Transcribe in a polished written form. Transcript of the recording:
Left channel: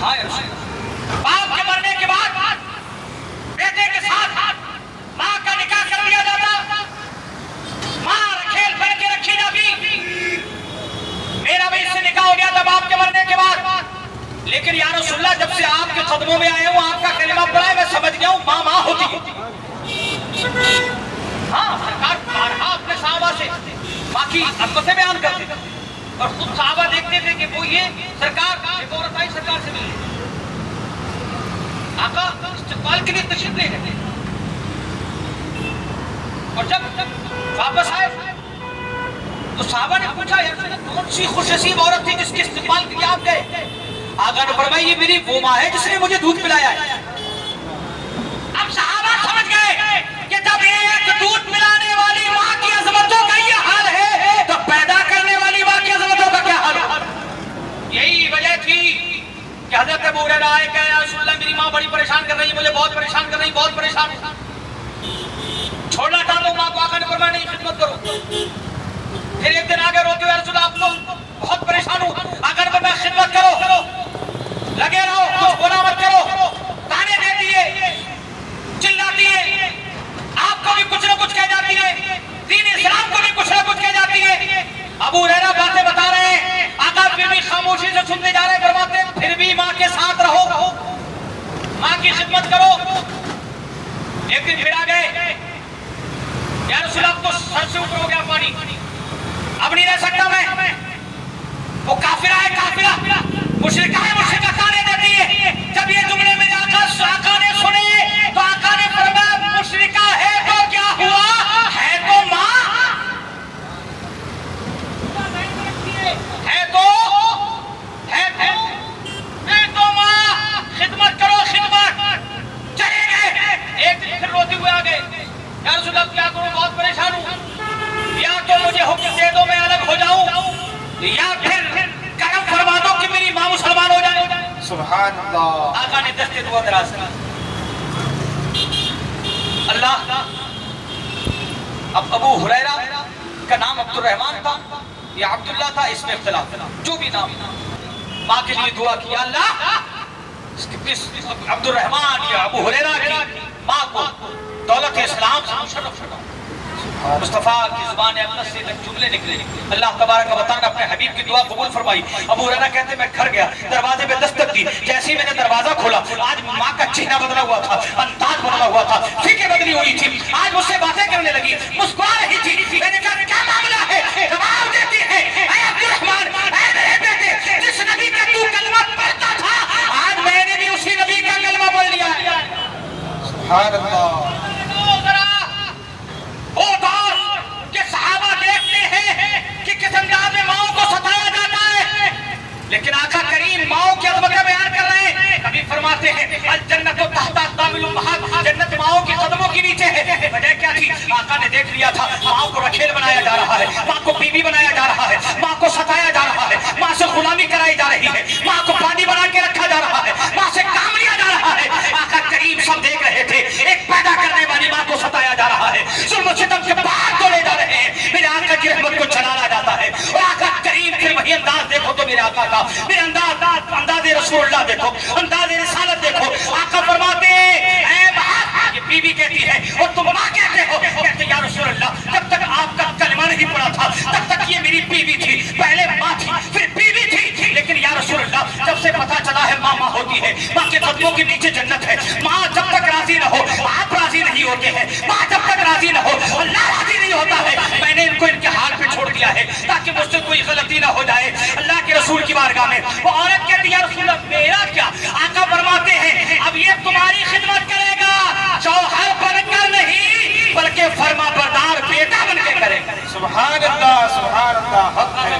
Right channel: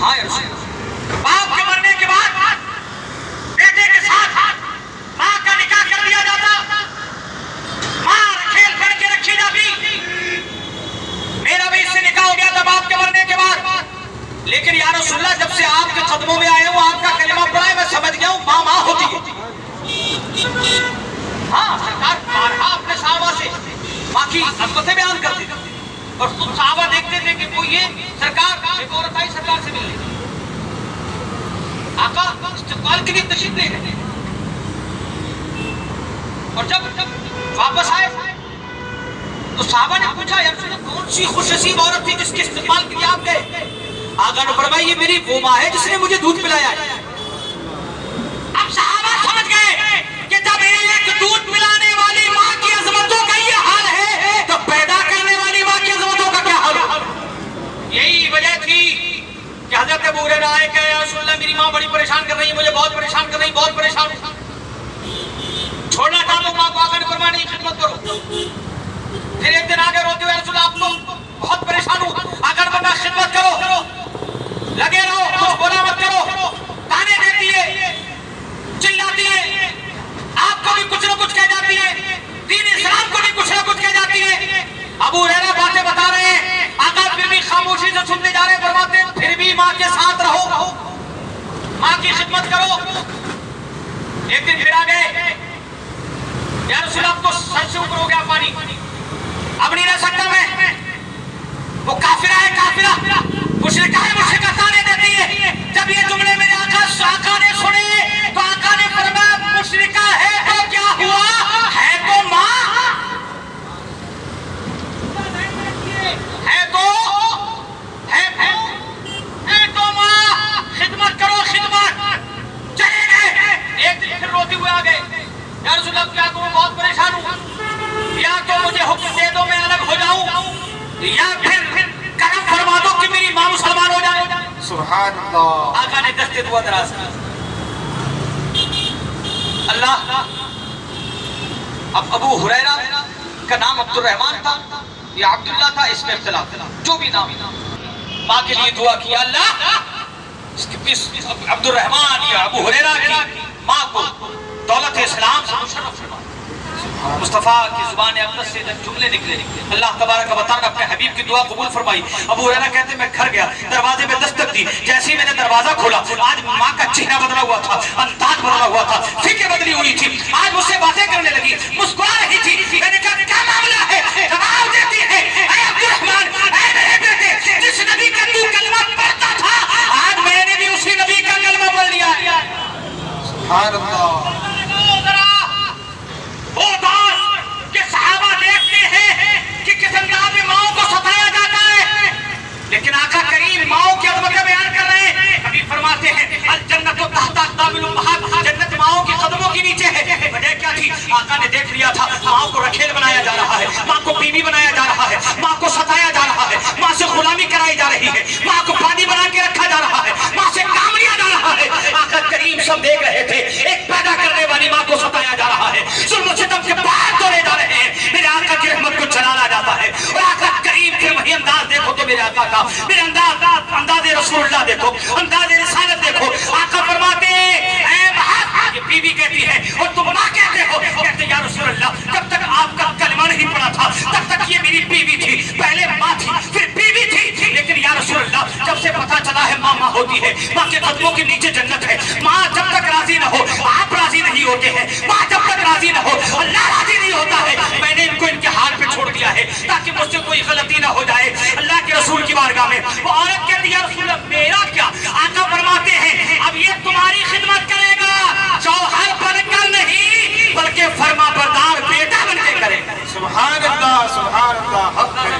ہاں باپ کے مرنے کے بعد بیٹے کے ساتھ ماں کا نکاح کر لیا جاتا، ماں کھیل پڑ کے رکھی جاتی. میرا بھی اس سے نکاح ہو گیا تھا باپ کے مرنے کے بعد، لیکن یا رسول اللہ جب سے آپ کے قدموں میں آئے ہوں، آپ کا کلمہ پڑھا ہے، میں سمجھ گیا ہوں ماں ماں ہوتی ہے. ہاں سرکار بارہا اپنے صحابہ سے ماں کی عظمتیں بیان کرتے تھے، اور خود صحابہ دیکھتے تھے کہ وہ یہ سرکار ایک عورت آئی سرکار سے ملنے، آقا استقبال کے لیے تشریف لے گئے، اور جب واپس آئے تو صحابہ نے پوچھا یا رسول اللہ کون سی خوش نصیب عورت تھی جس کے استقبال کے لیے آپ گئے؟ آقا نے فرمایا یہ میری وہ ماں ہے جس نے مجھے دودھ پلایا ہے. اب صحابہ سمجھ گئے کہ جب ایک دودھ پلانے والی ماں کی عظمتوں کا یہ حال ہے تو پیدا کرنے والی ماں کی عظمتوں کا کیا حال ہے. یہی وجہ تھی کہ حضرت ابو ہریرہ آئے کہ یا رسول اللہ میری ماں بڑی پریشان کر رہی ہے، مجھے بہت پریشان کر رہی ہے، بہت پریشان ہوں، چھوڑنا چاہتا ہوں ماں کو. آقا نے فرمایا نہیں، خدمت کرو. پھر ایک دن آگے روتے ہوئے رسول اللہ آپ تو بہت پریشان ہوں. آقا نے فرمایا خدمت کرو، لگے رہو، کچھ بولا مت کرو. تانے دیتی ہے، چلاتی ہے، آپ کو بھی کچھ نہ کچھ کہہ جاتی ہے، دین اسلام کو بھی کچھ نہ کچھ کہہ جاتی ہے. ابو ہریرہ باتیں بتا رہے ہیں، آقا پھر بھی خاموشی سے سننے جا رہے ہیں، فرماتے ہیں پھر بھی ماں کے ساتھ رہو، ماں کی خدمت کرو. ایک دن پھر آ گئے یا رسول اللہ اب تو سر سے اوپر ہو گیا پانی، اب نہیں رہ سکتا میں. وہ کافرہ ہے، کافرہ مشرکہ ہے، مشرکہ تانے دیتی ہے. جب یہ جملے میرے آقا نے سنے تو آقا نے فرمایا مشرکہ ہے تو کیا ہوا، ہے تو ماں، ہے تو ماں، خدمت کرو خدمت. چلے گئے. ایک دن پھر روتے ہوئے آ گئے یا رسول اللہ کیا کروں، بہت پریشان ہوں، یا تو مجھے حکم دے دو میں الگ ہو جاؤں، یا پھر کرم فرما دو کہ میری ماں مسلمان ہو جائے. سبحان اللہ. آقا نے دست دعا دراز کی. اللہ اب ابو ہریرہ کا نام عبد الرحمن تھا یا عبداللہ تھا، اس میں اختلاف، جو بھی نام، ماں کے لیے دعا کیا اللہ عبد الرحمن یا ابو ہریرہ کی ماں کو دولت اسلام سے مشرف فرما. مصطفیٰ کی زبان اقدس سے جملے نکلے، اللہ تبارک و تعالیٰ اپنے حبیب کی دعا قبول فرمائی. ابو ہریرہ کہتے ہیں میں گھر گیا، دروازے میں دستک دی، جیسے ہی میں نے دروازہ کھولا آج ماں کا چہرہ بدلا ہوا تھا، انداز بدلا ہوا تھا، فکر بدلی ہوئی تھی، آج مجھ سے باتیں کرنے لگی، مسکرا رہی تھی. میں نے کہا کیا معاملہ ہے؟ جواب دیتی ہے اے عبد الرحمن، اے میرے بیٹے، جس نبی کا تو کلمہ پڑھتا تھا آج میں نے بھی اسی نبی کا کلمہ پڑھ لیا. سبحان اللہ. لیکن آقا کریم ماؤں کی عظمت کا بیان کر رہے ہیں. کبھی فرماتے ہیں الجنت تحت اقدام الامہات، جنت ماؤں کے قدموں کے نیچے ہے. وجہ کیا تھی؟ آقا نے دیکھ لیا تھا ماں کو رکھیل بنایا جا رہا ہے، ماں کو بیوی بنایا جا رہا ہے، ماں کو ستایا جا رہا ہے، ماں سے غلامی کرائی جا رہی ہے، ماں کو پانی بنا کے رکھا جا رہا ہے، ماں سے کام لیا جا رہا ہے. آقا کریم سب دیکھ رہے تھے، ایک پیدا کرنے والی ماں کو ستایا جا رہا ہے، ظلم و ستم کے باہر توڑے جا رہے ہیں. میرے آقا کی رحمت کو چلانا جاتا ہے. اور آقا کریم پھر وہی انداز دیکھو تو میرے آقا کا، میرے انداز رسول اللہ دیکھو، انداز رسالت دیکھو. آقا فرماتے ہیں اے بہت، یہ بیوی کہتی ہے اور تم ماں کہتے ہو. کہتے ہیں یا رسول اللہ جب تک آپ کا کلمہ نہیں پڑا تھا تب تک یہ میری بیوی تھی، پہلے ماں تھی پھر بیوی تھی، لیکن یا رسول اللہ جب سے پتا چلا ہے ماں ماں ہوتی ہے، ماں کے قدموں کے نیچے جنت ہے. ماں جب تک راضی نہ ہو آپ راضی نہیں ہوتے ہیں، ماں جب تک راضی نہ ہو اللہ راضی نہیں ہوتا ہے. میں نے ان کو ان کے حال پہ چھوڑ دیا ہے تاکہ مجھ سے کوئی غلطی نہ ہو جائے. اللہ کے رسول کی بارگاہ میں وہ عورت کہتی ہے یا رسول اللہ میرا کیا؟ آقا فرماتے ہیں اب یہ تمہاری خدمت کرے گا، شوہر بن کر نہیں بلکہ فرما بردار بیٹا بن کے کرے گا. سبحان اللہ. سبحان اللہ. حق ہے.